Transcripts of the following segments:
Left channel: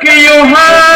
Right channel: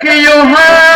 que your ha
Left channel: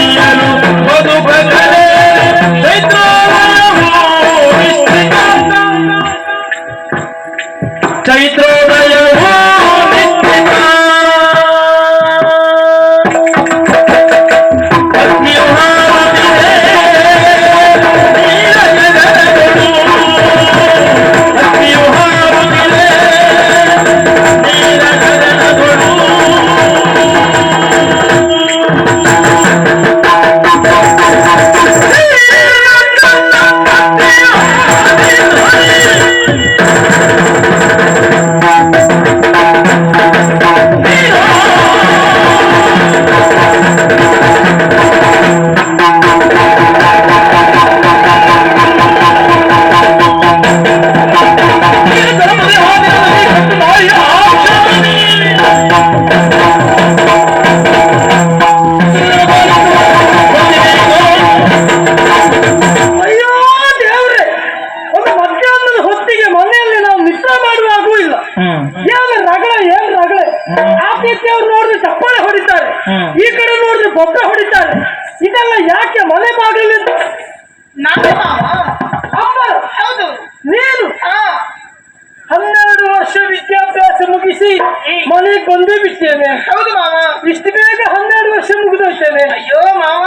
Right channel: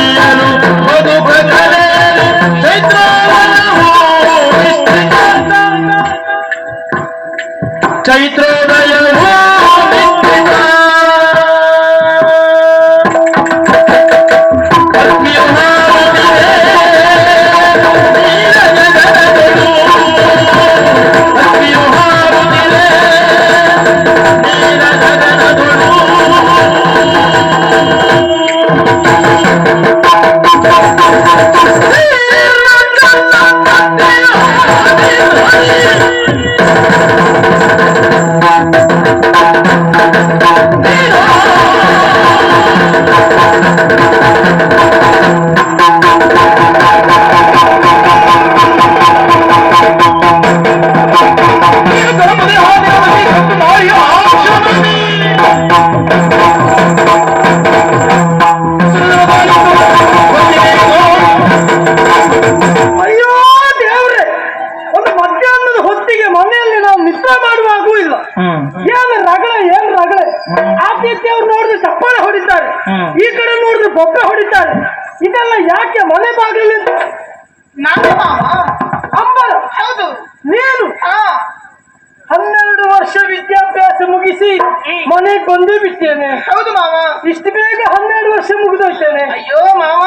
ಹೊಡಿತಾರೆ ಇದೆಲ್ಲ ಯಾಕೆ ಮನೆ ಬಾಗಿಲು ನನ್ನ ಮಾವ ಅಮ್ಮ ಹೌದು. ನೀನು? ಹಾ. ಹನ್ನೆರಡು ವರ್ಷ ವಿದ್ಯಾಭ್ಯಾಸ ಮುಗಿಸಿ ಮನೆಗೆ ಬಂದೇ ಬಿಡ್ತೇನೆ. ಹೌದು ಮಾವ. ಇಷ್ಟು ಬೇಗ ಹನ್ನೆರಡು ವರ್ಷ ಮುಗಿದೋಗ್ತೇನೆ ಅಯ್ಯೋ ಮಾವ.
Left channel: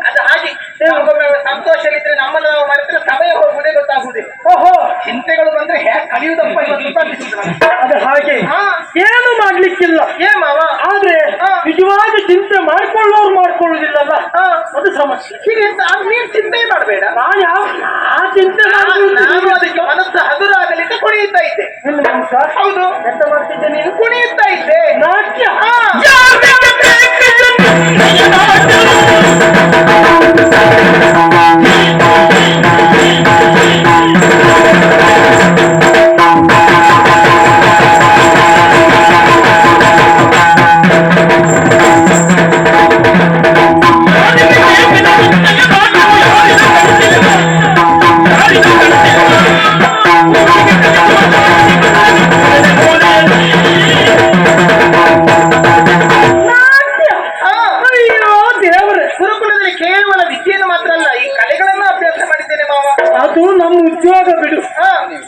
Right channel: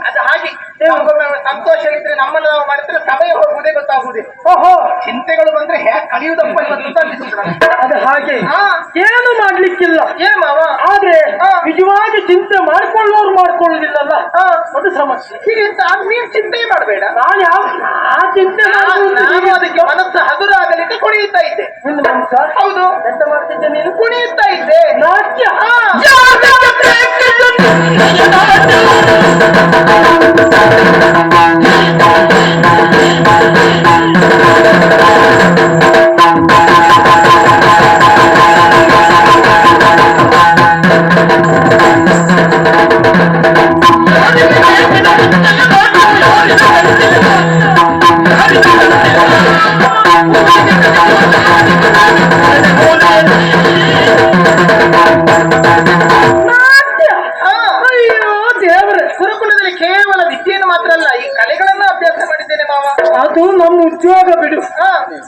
ಅದು ಹಾಗೆ. ನಮಗೊಮ್ಮೆ ಸಂತೋಷವಿದ್ರೆ ನಮ್ಮನ್ನು ನಾವು ಮಾಡಿದ್ರೆ ಸಮಯ ಹೋಗುವುದೇ ಗೊತ್ತಾಗುವುದೇ. ಓಹೋ. ಚಿಂತೆಗಳು ಬಂದ್ರೆ ಹೇಗೆ ಕಲಿಯುವುದಪ್ಪ ಇವತ್ತು ಅದು ಹಾಗೆ. ಏನು ಮಾಡ್ಲಿಕ್ಕಿಲ್ಲ. ಏ ಮಾವ. ಆದ್ರೆ. ನಿಜವಾಗಿ ಚಿಂತೆ ಮಾಡ್ಕೊಳ್ಳೋರು ಮಾಡ್ಕೊಳ್ಳೋದಿಲ್ಲಲ್ಲ ಅದು ಸಮಸ್ಯೆ. ಹೀಗೆ ನೀನ್ ಚಿಂತೆ ಮಾಡಬೇಡ. ನಾನು ಯಾವ ಆ ಚಿಂತೆ ಅದಕ್ಕೆ ಮನಸ್ಸು ಹಗುರಾಗಲಿಕ್ಕೆ ಕುಣಿಯುತ್ತಾ ಇದ್ದೆ. ನಿಮ್ಮ ಮನಸ್ಸ ಹೌದು. ಎಂತ ಮಾಡ್ತಿದ್ದೆ ನೀನು? ಕುಣಿಯುತ್ತಾ ಇದ್ದೆ. ನಾಟ್ಯ? ಹಾ. ನಾಟ್ಯ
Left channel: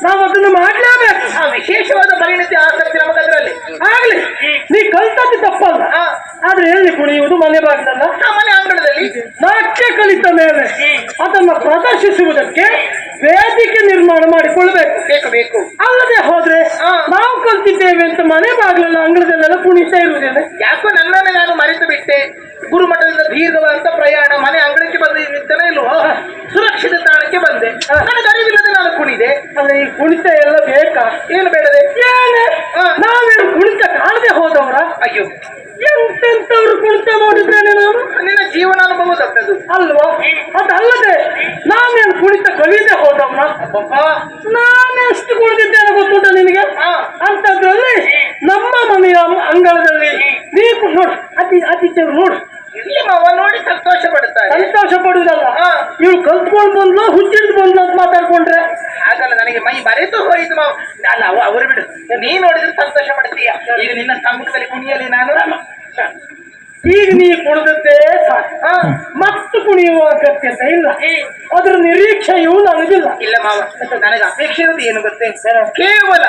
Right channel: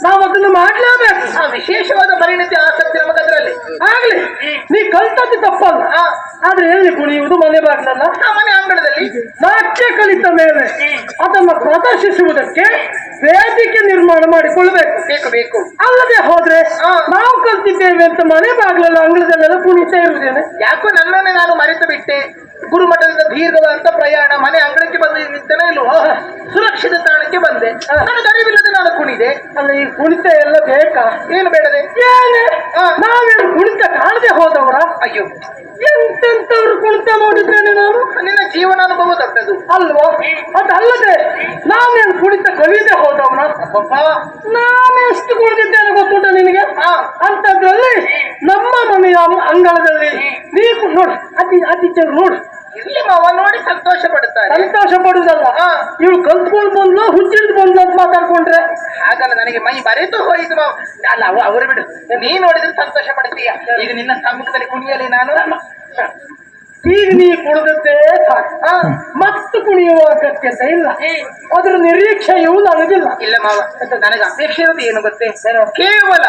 ನಾವು ಅದನ್ನು ಮಾಡಲೇಬೇಕು. ಆ ವಿಶೇಷವಾದ ಪರಿಣಿತಿ ಆಸಕ್ತಿ ನಮಗದ್ರಲ್ಲಿ. ಆಗ್ಲಿ. ನೀ ಕಲ್ತದ್ದು ತಪ್ಪಲ್ಲ. ಆದ್ರೆ ಹೇಳಿ ಕುಣಿಯುವುದು ಮನೆ ಬಾಗ್ಲಲ್ಲ? ಮನೆ ಅಂಗಳದಲ್ಲಿ. ನಾಟ್ಯ ಕಲಿತ ಮೇಲೆ ಅದನ್ನು ಪ್ರದರ್ಶಿಸುವುದಕ್ಕೆ ವೇದಿಕೆ ನಿರ್ಮಾಣ ಮಾಡಿಕೊಳ್ಳಬೇಕು. ಬೇಕು ಬೇಕು. ಅಲ್ಲದೆ ಹೋದ್ರೆ. ನಾವು ಕಲ್ತಿದ್ದೇವೆ ಅಂತ ಮನೆ ಬಾಗಿಲಲ್ಲ ಅಂಗಳದಲ್ಲೆಲ್ಲ ಕುಣಿತಾ ಇರುವುದೇನೆ? ಯಾಕೋ ನನ್ನನ್ನೇ ನಾನು ಮರೆತು ಬಿಟ್ಟೆ. ಗುರುಮಠದಿಂದ ದೀರ್ಘವಾದಂತ ಪ್ರಯಾಣ ಮನೆ ಅಂಗಳಕ್ಕೆ ಬಂದು ನಿಂತನೇ ಇಲ್ವೋ? ಸುರಕ್ಷಿತ ತಾಣಕ್ಕೆ ಬಂದೆ. ನನಗೆ ಅರಿವಿಲ್ಲದೆ ನಾನು ಕುಣಿದೆ. ಅಲ್ಲ ಈ ಕುಣಿತ ಎಲ್ಲ ಬೇಕಾ? ಏನು ಬೇಡದೆ. ನಾವೇನು ಕುಣಿತ ಕಾಣದೆ ಹೋದವರ? ಅಯ್ಯೋ. ಎಂತೆಂತವ್ರು ಕುಣಿತ ನೋಡಿದ್ರೇನೆ ನಾನು ನಿನ್ನ ಜೀವನಾನುಭವ ತಪ್ಪದು ಅಲ್ವಾ? ಅದಲ್ಲದೆ ನಾನೇನು ಕುಣಿತ ಕಲಿಯದೆ ಹೋದವನ ಅಬ್ಬಬ್ಬ. ಕುಣಿದಿದ್ದೇನೆ ಗೊತ್ತುಂಟ ನಿನಗೆ. ಅಂತದ್ರಲ್ಲಿ ನಮ್ಮ ಮನೆಯ ಅಂಗಳದಲ್ಲಿ ನೀವು ನೋಡು ಅತಿ ಅತಿಥಿ ನೋಡು. ಇಲ್ಲಿ ಮಾವ ನೋಡಿ ಸಂತೋಷ ಪಡುತ್ತಾರೆ ಸಂತೋಷ ಪಡುವುದಲ್ಲ? ಹಾ. ಇವಳು ಕಲ್ತ್ಕೊಂಡು ಬಂದ್ಲು ಹುಚ್ಚಿಟ್ಟು ಬಂದ್ಲು ಅಂತ ಮಾತಾಡ್ಕೊಂಡ್ರೆ? ಹಾಗಲ್ಲ ನನಗೆ ಮೈ ಮರೆತು ಹೋಯಿತು ಮಾವ. ಅಲ್ಲ ಅವ- ಅವರು ಬಿಡು. ನೀ ನೋಡಿದ್ರೆ ಸಂತೋಷ ಪಡ್ತೀಯ. ಈಗ ನಿನ್ನ ಸಮ್ಮುಖದಲ್ಲಿ ಕುಣಿಯಲಿ ನಾನು. ಈಗ ನೀ ಕುಣಿದದ್ದೇ ಸಾಕು. ಹಾ. ಮತ್ತು ಕುಣಿಯುವ ಅಗತ್ಯತೆ ಇಲ್ಲ ಅದ್ರ ನಿರೀಕ್ಷೆಯೂ ನನಗಿಲ್ಲ. ಇಲ್ಲ ಮಾವ ನನಗೆ ಅಪೇಕ್ಷೆ ಇರೋದು ಏನು ಗೊತ್ತೇ? ಕೇವಲ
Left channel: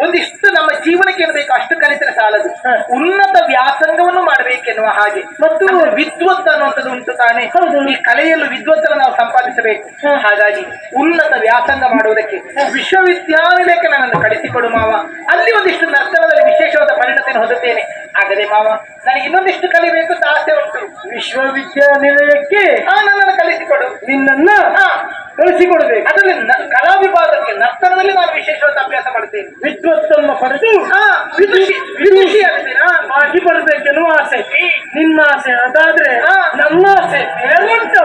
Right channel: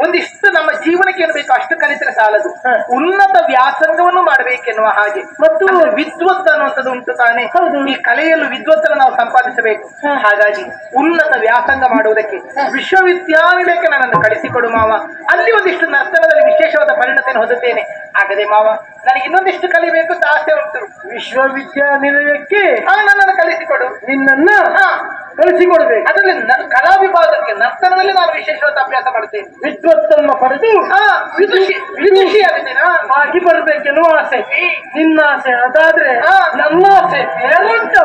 ಒಂದಿಷ್ಟು ನಮ್ಮ ಜೀವನಕ್ಕೆ ಏನು ಬೇಕು ಅಷ್ಟು ಕಲಿತರೆ ಸಾಲದು. ಉನ್ನತ ವ್ಯಾಸಂಗವನ್ನು ಮಾಡಬೇಕೆನ್ನುವ ಹಾಗೆ. ಮತ್ತು ವಿದ್ವತ್ ಅನ್ನುವಂಥದ್ದು ಉಂಟು ತಾನೆ. ಈ ಕಲೆಯಲ್ಲೂ ವಿದ್ವತ್ತರ ನಾವು ಸಂಪಾದಿಸಬೇಕು. ಹಾಗಾಗಿ ಉನ್ನತ ವ್ಯಾಸಂಗ ಮಾಡುವುದಕ್ಕೆ ವಿಶ್ವವಿದ್ಯಾನಿಲಯಕ್ಕೆ ನನ್ನನ್ನು ಕಳಿಸಿಕೊಡು ಮಾವ. ಅಲ್ಲಿ ಒಂದಿಷ್ಟು ನರ್ತನದಲ್ಲಿ ವಿಶೇಷವಾದ ಪರಿಣತಿಯನ್ನು ಹೊಂದುತ್ತೇನೆ. ಆಗದೆ ಮಾವ ನನಗೆ ಇನ್ನೊಂದಿಷ್ಟು ಕಲಿಬೇಕು ಅಂತ ಆಸೆ ಉಂಟು. ವಿಶ್ವವಿದ್ಯಾನಿಲಯಕ್ಕೆ ಹಾ ನನ್ನನ್ನು ಕಲಿಸಿಕೊಡು ನಿನ್ನನ್ನ ಹಾ. ಕಳಿಸಿಕೊಡ್ಬೇಕು. ಅದರಲ್ಲಿ ಕಲಾ ವಿಭಾಗಕ್ಕೆ ನರ್ತನದಲ್ಲಿ ನಾನು ವಿಶೇಷವಾದ ಅಭ್ಯಾಸ ಮಾಡ್ತೇನೆ ವಿದ್ವತ್ತನ್ನು ಪಡೆದು ಹಾ ವಿದುಷಿ ವಿದುಷಿ ಆಗ್ತೇನಾ ಆಗಿ ಬರ್ಬೇಕೆನ್ನುವ ಆಸೆ. ನಿನ್ನ ಆಸೆ ಅದಾದ್ರೆ. ನನ್ನ ಆಸೆ ಬೇರುಂಟು